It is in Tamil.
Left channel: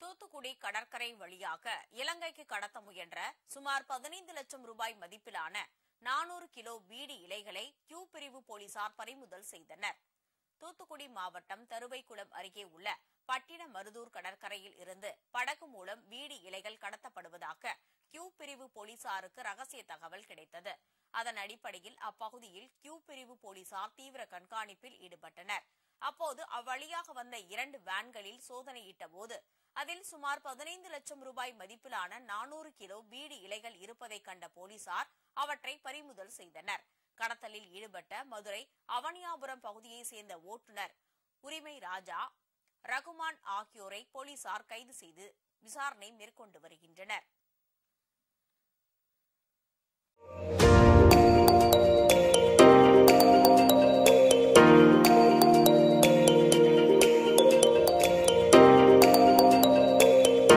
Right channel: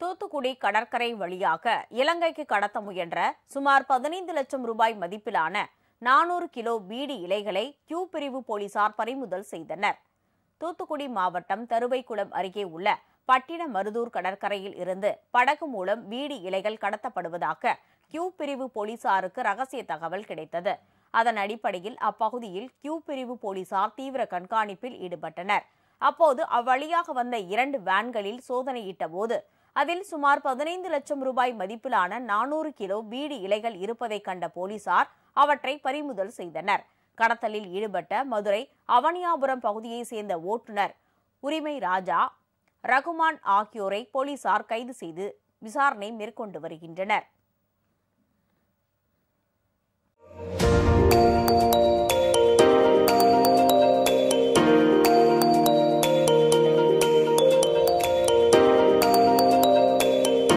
தூத்துக்குடி கடற்கரை வழியாக இலங்கைக்கு கடத்த முயன்ற சுமார் 15 லட்சம் ரூபாய் மதிப்பிலான 400 கிலோ பீடி இலைகளை கியூ பிரிவு போலீசார் பறிமுதல் செய்தனர். தூத்துக்குடி மாவட்டம் தருவைக்குளம் அருகே உள்ள பட்டினமருதூர் கடற்கரையில் இருந்து படகு மூலம் பீடி இலைகள் கடத்தப்படுவதாக கியூ பிரிவு போலீசாருக்கு ரகசிய தகவல் கிடைத்தது. அதன் அடிப்படையில் அப்பகுதியில் கியூ பிரிவு போலீசார் தீவிர கண்காணிப்பில் ஈடுபட்டனர். அப்போது அவ்வழியாக வந்த 2 வேன்களில் சோதனையிட்ட போது அதில் சுமார் 15 லட்சம் ரூபாய் மதிப்பிலான 400 கிலோ பீடி இலைகள் இருப்பதை கண்ட போலீசார் அவற்றை பறிமுதல் செய்தனர். கடத்தலில் ஈடுபட்ட மதுரை அவனியாபுரம் பகுதியைச் சேர்ந்த ஓட்டுநர் உரிமை ராஜா, ரகுமான் ஆகியோரை போலீசார் கைது செய்து விசாரணை மேற்கொண்டு வருகின்றனர்.